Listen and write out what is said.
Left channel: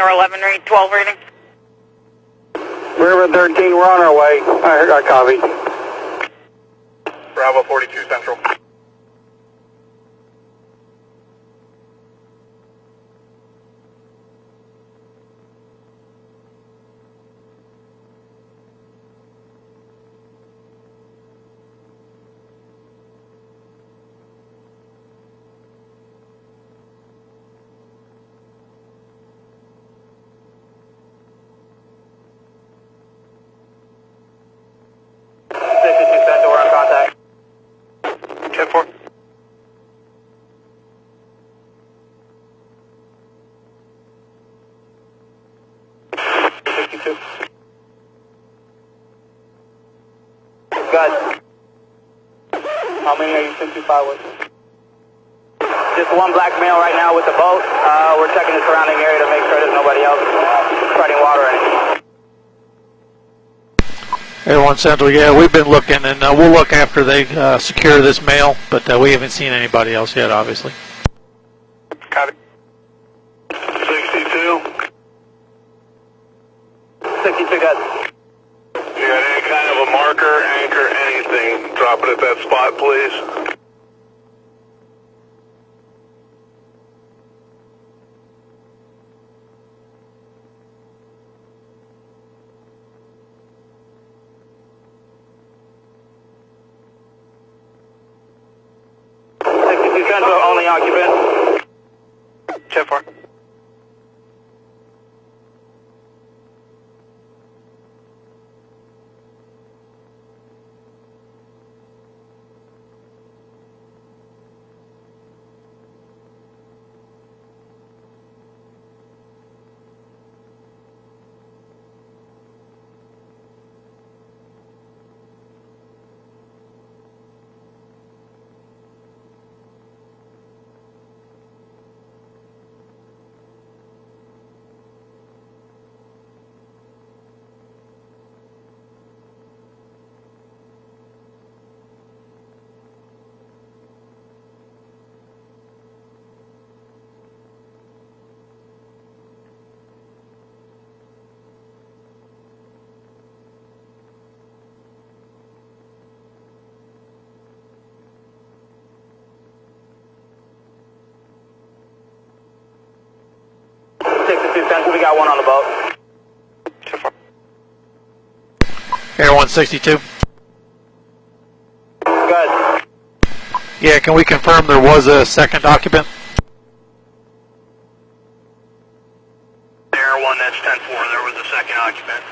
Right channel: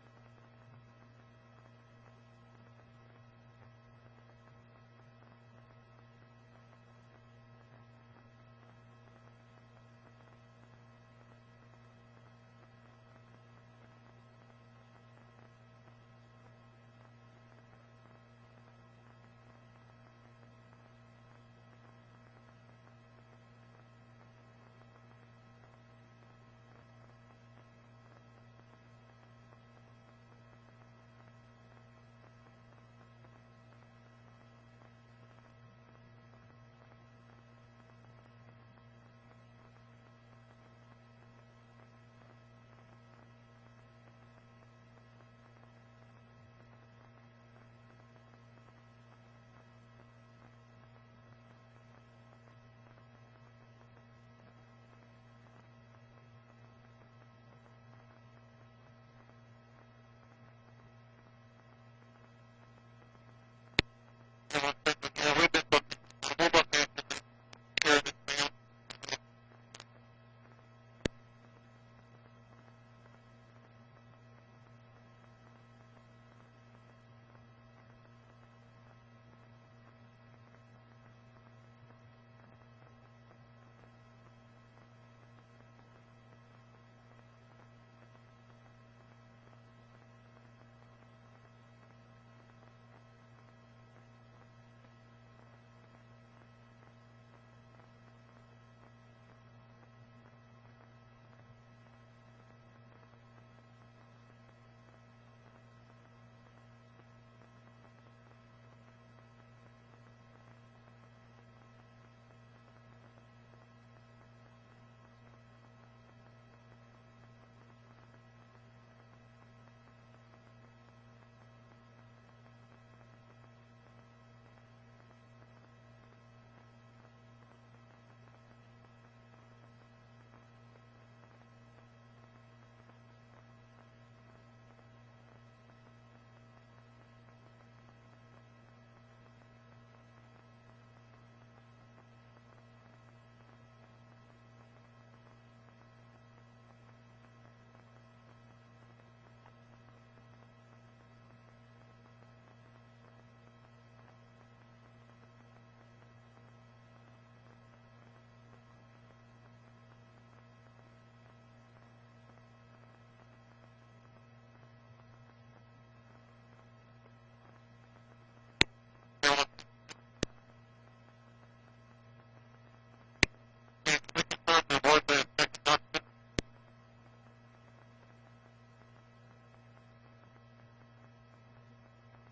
Or 11 read, 12 reading. River 13, we're on our way. I copy. Bravo 42 Central. Central, we're on contact. 10-4. Guys, how many are you 65 with? Just one black male right now with the boat. We're checking the surrounding area to make sure there's nobody else spreading water or anything. Everyone Central, yeah, we've been looking, and we'll look after they secure this male, but we haven't seen anybody else yet, obviously. Copy. 62. 62 guys. You got any kind of a marker, anchor, anything? Drop it at that spot, please. Central, only occupant. 10-4. Central, we got one on the boat. 10-4. Air 162. Good. Yeah, can we confirm there was a second occupant? Air 1, that's 10-4. There was a second occupant.